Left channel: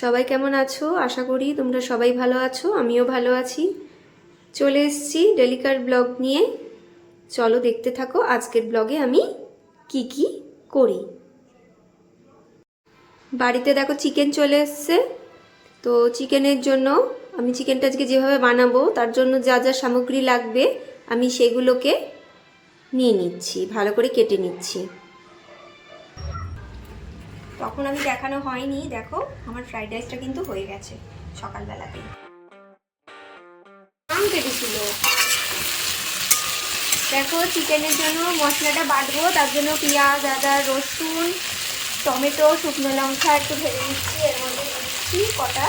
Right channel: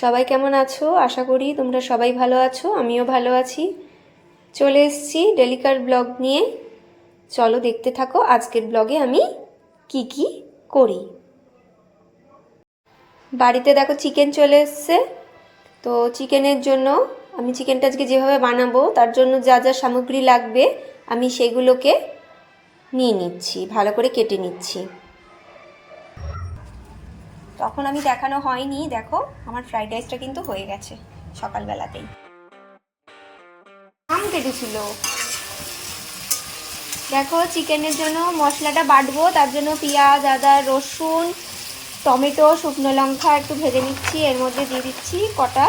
সবাই কেমন আছো? আশা করি তোমরা সবাই ভালো আছো, আমিও ভালো আছি। চলে এসেছি ডেলিকার ব্লগ নিয়ে। চলো দেখতে থাকো, আজকের ব্লগে আমি কি কি করি। বাড়িতে দেখো চিকেন চলে এসছে। তো চিকেনের জন্য আমি চিকেনটা আজকে যেভাবে বানাবো, তার জন্য যা যা সামগ্রী লাগবে, আমি সেগুলোকে নিয়ে নিচ্ছি, ভালো করে কেটে নিচ্ছি। তখন আমি দেখানো হয়নি, দেখো, আমার ফ্রাইড রাইসটা কিন্তু হয়ে গেছে সকালবেলাতেই। আম কেটেছিল। দেখো, চিকেনের জন্য মশলাটা বাটবো, তার জন্য পেঁয়াজ, আদা, রসুন, টমেটো, শুকনো লঙ্কা একটু ভেজে নিচ্ছি, এর মধ্যে দিয়ে দিচ্ছি কটা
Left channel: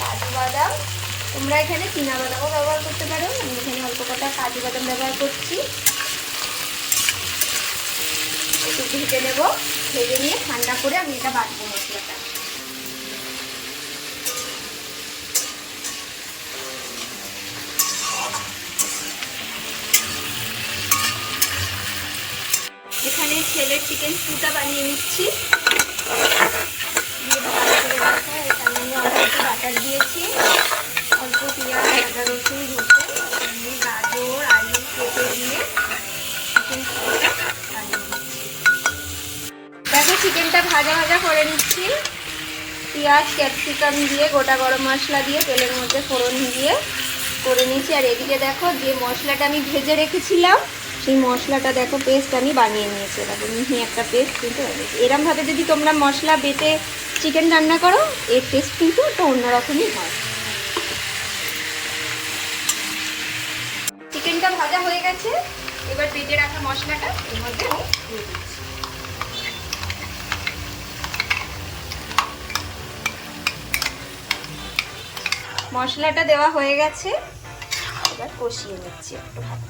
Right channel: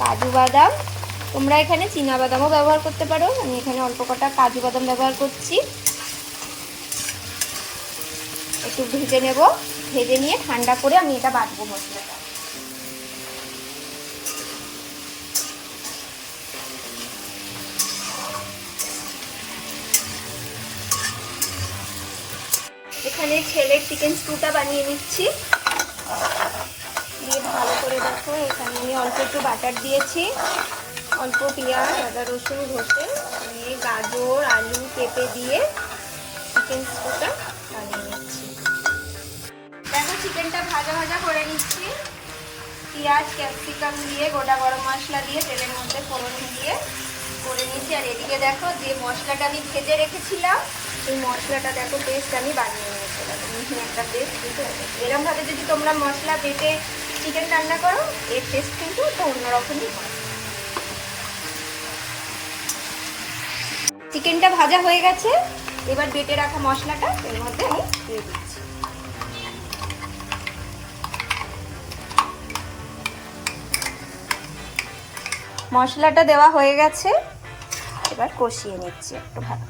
কাজু বাদাম। তোমরা এখানে চীনা বাদামও ব্যবহার করতে পারো, আমি এখানে অল্প কটা কাজু বাদাম ব্যবহার করছি। একটু ভেজে নেব। ভেজে নিয়ে ঠান্ডা করে আমি এটা বাটবো মশলাটা। এখানে ছেলের চিকেন স্টুটা বানিয়ে নিচ্ছি। দিয়ে ভালো করে রাখো এখানে আমি অল্প একটু বাটার দিয়েছি। ভাজা ভাজা করে নিচ্ছি। পেঁয়াজ, ক্যাপসিকাম দিয়ে, গোটা গরম মশলা দিয়ে, তেলের মধ্যে ফোড়ন দিয়ে করে নিচ্ছি। আর এদিকে দেখো, যে মশলাটা আমি ভেজে রেখেছিলাম, সেই মশলাটা দেখো পেস্ট আমি বানিয়ে নিয়েছি। এবারে মিহি একটা পেস্ট কিন্তু এরমভাবে যদি তোমরা মশলা বেটে চিকেন রান্না করো, এর টেস্ট কিন্তু একটু অন্যরকমই চিকেনটা ভাজা হয়ে গেছে। এবার বেটে রাখা মশলাটা, এর মধ্যে আমি মশলাটা দেওয়া হয়ে গেছে। এবার কষিয়ে নিচ্ছি একটু ভালো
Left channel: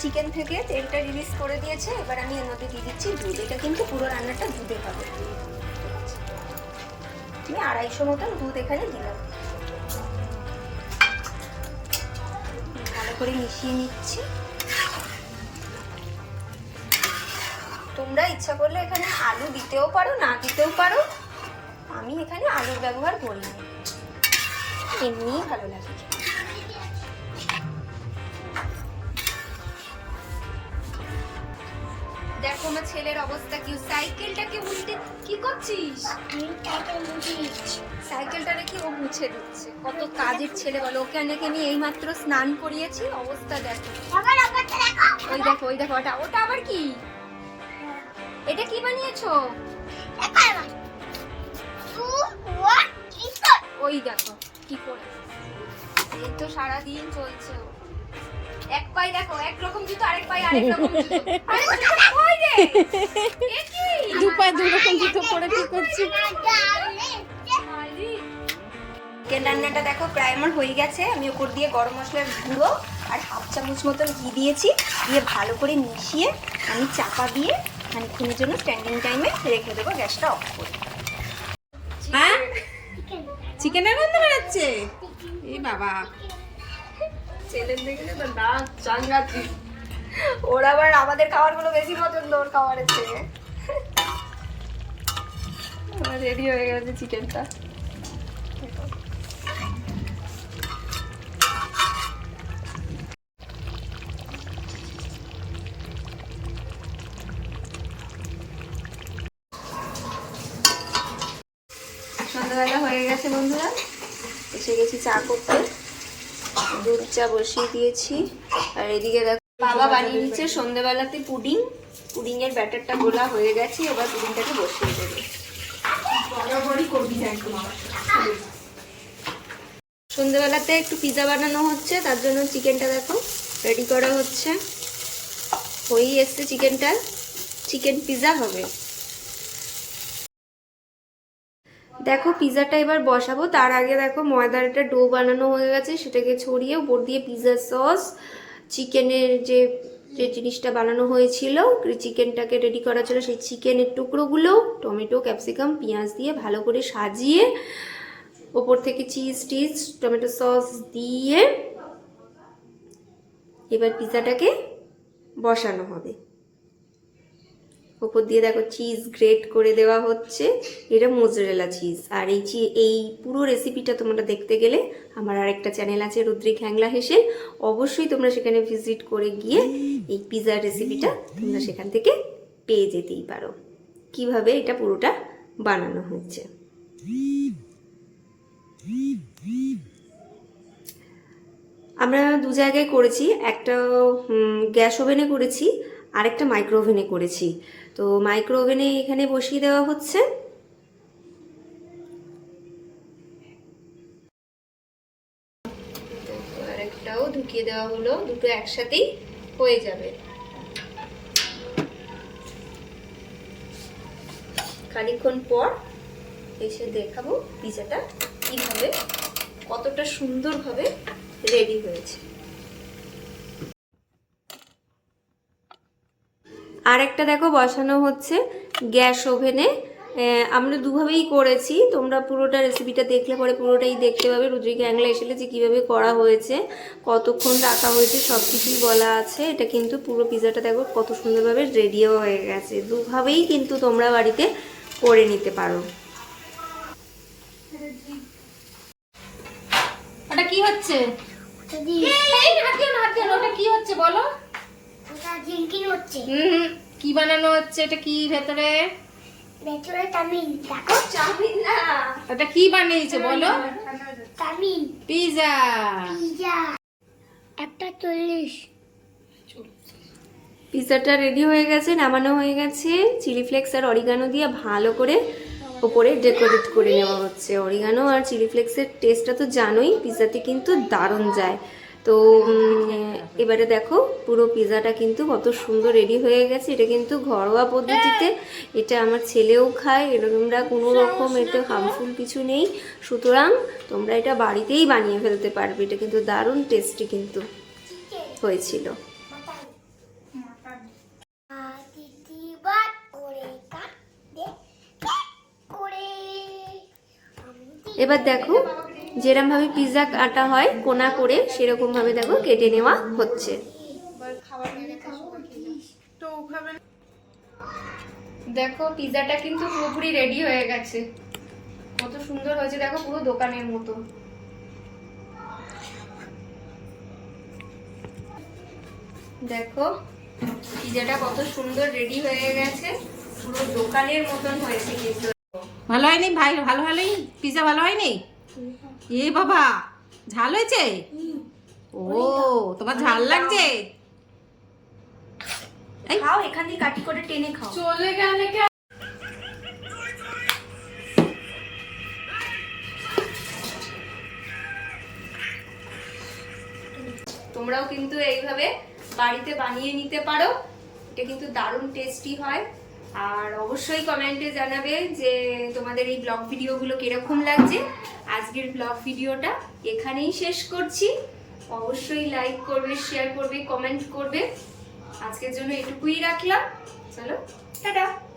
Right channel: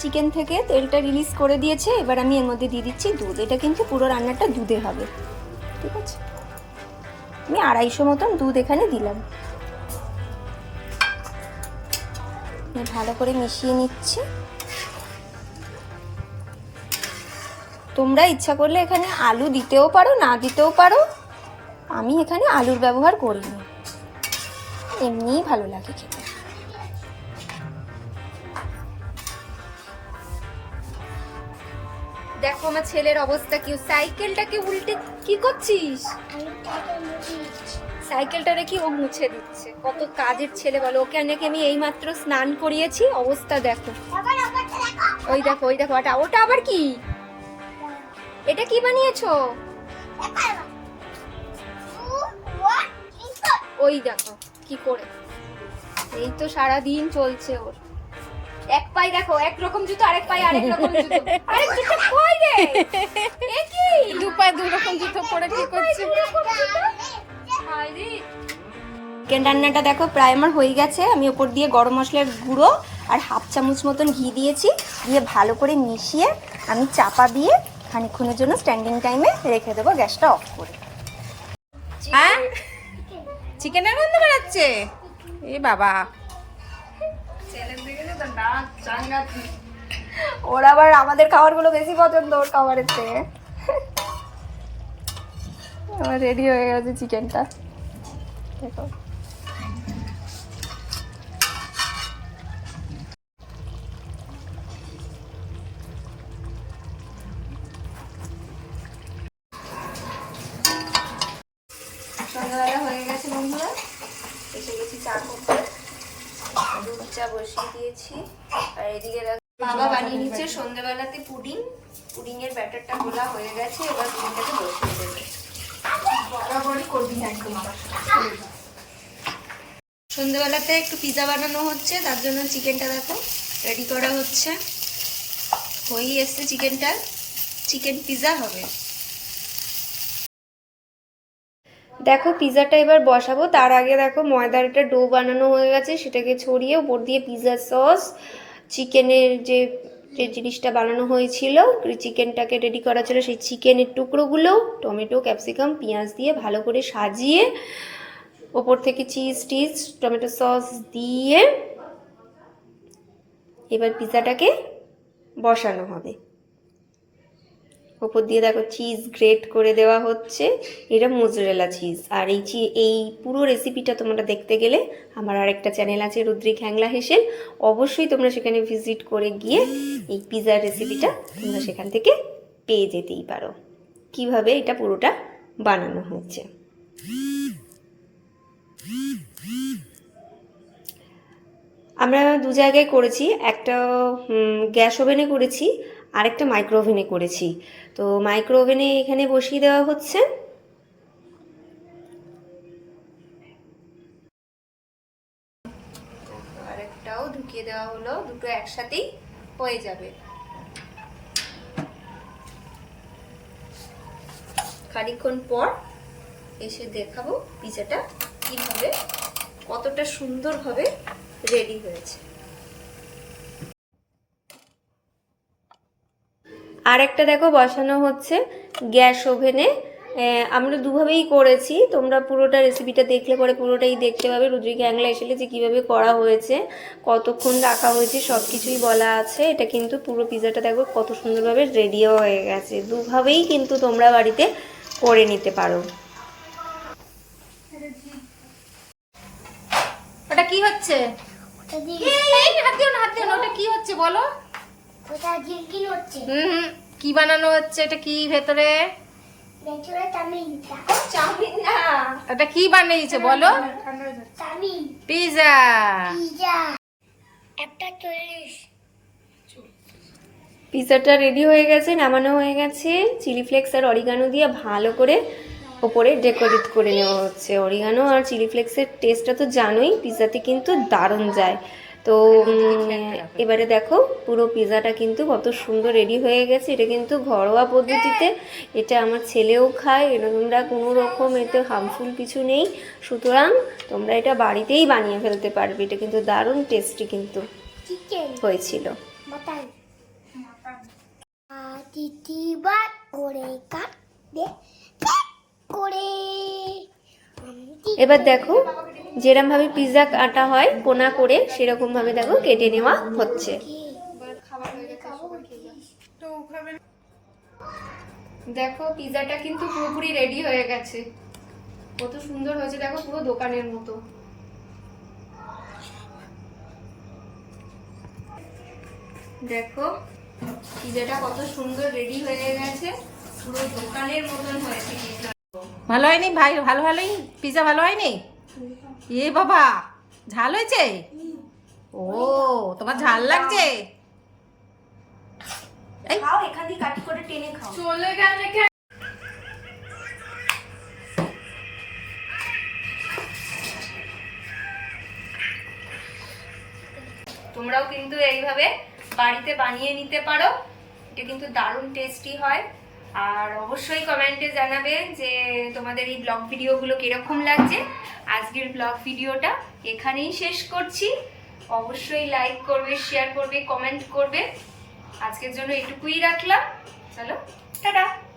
চিকেন থেকে তেলটা রিলিজ করে দিয়েছে, এবার আমি এর মধ্যে দিয়ে দিচ্ছি দুধ। এটা কিন্তু পুরো রান্নাটা দুধে হবে। ঠিক আছে? আমি আড়াইশো মতন দুধ এখানে দিলাম। ভালো করে মিশিয়ে নিচ্ছি। তোমরা ইচ্ছা করলে এখানে আলু দিতেও পারো, না দিতেও পারো। আমি এখানে আলুর ব্যবহার করিনি এমনিই ভালো লাগে দেখো আমার ছেলের অবস্থা কি সাইকেলটাকে উল্টে, কি করছিস? সাইকেলটা রেখে ও মুছে দিচ্ছে। কত কাজের ছেলে বলো, ওকে নাকি আমি এইমাত্র স্নান করিয়েছি, অবস্থা দেখো। ওই দেখো ওই দেখো, ওটা ওটা আবার কি? এটা কি বানিয়েছো? ওই দেখো কি করে? এই তো সারা দিন চলছে ওর। এক পাই দেখো এক রকম জুতো আরেক পাই আরেক রকম জুতো। আরে জুতো কই রে? এ কি? দু পায়ে দু রকম জুতো পরে কি করছি? চিকেন রান্নাটা দেখো প্রায় আমার হয়ে গেছে। আমি ওপর দিয়ে গরম মশলার গুঁড়ো আর হাফ চামচ মতন ঘি দিয়েছি। দিয়ে ভালো করে মিশিয়ে আমি চাপা দিয়ে খানিক্ষণের জন্য স্ট্যান্ডিং টাইমে রেখে দেবো গ্যাসটা অফ করে। হ্যাঁ? চিকেনের গন্ধ বেরাচ্ছে? এ বাবা। ছেলের দিকে যে তার দাঁত চাঙ্গাচ্ছি ওর আবার আমাদের খাবারগুলো বেশি পছন্দ, ওর খাবারের চেয়ে। রেডি হয়ে গেছে চিকেনটা। দেখো। সন্ধ্যাবেলা হয়ে গেছে বন্ধুরা। এসে গেছি চা করতে। দুধ চা বসিয়ে দিয়েছি। আর এদিকে দেখো বাবা বানিয়ে নিচ্ছে সন্ধ্যাবেলাতে পুডিং। পুডিং এর ব্যাটারটা গোলা হয়ে গেছে এবার পুডিংটাকে বসিয়ে দেবে। বরাবরই করবি একদম সন্ধ্যাবেলাতে একটু পিজা বানানো হচ্ছে তার জন্য চিকেনটা দেখো রেডি করা হচ্ছে। হয়েই এসছে চিকেনটা। চিকেন পিজা হবে। দেখো পিজাটা এবার বসাবো। তার আগে দেখো ময়দার একটা ডো বানানো হয়ে গেছে। সেটাকে ছড়িয়ে উপর দিয়ে পিজা সস, চিকেনের যে যে জিনিসটা বানানো হয়েছিল চিকেনটাকে রেডি করা ছিল, সেই চিকেনের টুকরোগুলো, টমেটো, ক্যাপসিকাম, পেঁয়াজ দিয়ে ভালো করে সাজিয়ে ওপর থেকে চিজ টিজ, টমেটো সস দিয়ে এবার পিজাটাকে বসানো হবে। ওপর দিয়ে দেখো চিজ গ্রেট করে দেওয়া হচ্ছে। এটা মোজরেলা চিজ আর এই চি এই পুরো রেসিপিটা তোমরা দেখতে গেলে আমার আরেকটা চ্যানেল আছে রুদ্রিক হ্যাংলা হেসেল। অবশ্যই তোমরা সেখানে ভিজিট করে গিয়ে এই পিজার রেসিপিটা তোমরা সেখান থেকে পেয়ে যেতেই পারো। কীভাবে এটা পুরোটা বানানো হচ্ছে। আমরা দু জায়গায় করেছি। একটা গ্যাস ওভেনে করেছি আর একটা মাইক্রো ওভেনে করেছি। তো মাইক্রো ওভেনে এখানে বসিয়ে দেওয়া হচ্ছে। আরেকটাও ঢুকিয়ে দেওয়া হলো, দুটো একসাথেই হয়ে যাবে। খানিকক্ষণ পর এসে দেখাবো পিজাটা কীভাবে, কতটা সুন্দরভাবে রেডি হয়েছে। আর একটা দেখো, বসানো হচ্ছে গ্যাস ওভেনে। আমরা দুভাবেই করেছি। তোমরা পুরোটা রেসিপিটা দেখলে পরে পুরোটাই দেখতে পাবে। রুদ্রিক অ্যাংলা এসেলে যে কীভাবে করা হয়েছে, কতক্ষণ রাখা হয়েছে সব কিছুই বলা আছে। এটা কিন্তু পুরো পিজাটা দেখো কত সুন্দরভাবে রেডিও হয়ে গেছে। দুভাবেই কিন্তু তোমরা বাড়িতে করে নিতে পারো। ওটা কি হচ্ছে? হাত দিও না হাত দিও না ওটা কি হচ্ছে বলো? ওটা জিঙ্কিন হচ্ছে। হুম কি বানানো হচ্ছে? এটা কি ভেতরে? ভেতরে তামিল দেখো। চাউমিন না। ওটা কি বানিয়েছে বলো? পিজা। পিজা। একটা চল্লিশ। পিৎজাটা রেডি হয়ে গেছে নামানো হয়ে গেছে। চিলি ফ্লেক্স আর অরিগানো দিয়ে ভালো করে ওপরে ডেকোরেট করে নেওয়া হচ্ছে। অরিগানো আর চিলি ফ্লেক্সের টেস্টটা তো জানোই পিৎজাতে কিন্তু দারুণ যায়। তো এবারে দেখো, পুরো পিৎজাটা কিন্তু কত সুন্দর রেডি হয়ে গেছে। এটা কিন্তু ঘরোয়া পদ্ধতিতে। এটা আমার ছেলেও খায় এটা তোমরা কোনো রকম এতে হার্মফুল কিছু নেই। সুতরাং, তোমরা এটা বাড়িতেই বানিয়ে ফেলতে পারবে। এটা কিন্তু দারুণ টেস্টি কিন্তু হয়েছিল মাটন দিদি বার করে কাট দে কাট করে এবার দেখো যেরমভাবে পিৎজা কাটা হয়, কোনা করে সেরকমভাবে দেখো কেটে নেওয়া হচ্ছে। দেখো পিৎজাটা কিন্তু পুরোপুরি রেডি হয়ে গেছে। কত সুন্দর হয়েছে, দেখো, পুরো দোকানের মতো। দেখো পিৎজাটা কত সুন্দর রেডি হয়ে গেছে। পুরো দোকানের মতন হয়েছে কিন্তু ভালো হয়নি? ভাই ভালো ভালোই পিজা ভালো হয়নি? এ বাবা ঝাল হয়েছে? ও তোমার ঝাল লাগছে? তোমরাও কিন্তু এইভাবে বাড়িতে বানিয়ে নিতে পারো। এটা কিন্তু দারুণ টেস্টি হয়। আর অবশ্যই কমেন্টে জানাবে যে তোমাদের এই ব্লগ ভিডিওগুলো কীরকম লাগছে। আজকের ব্লগ ভিডিওটা এখানেই শেষ করছি। অবশ্যই লাইক করবে শেয়ার করবে কমেন্ট করবে। আজকের জন্য এটুকুই রাখলাম। চলো, টাটা।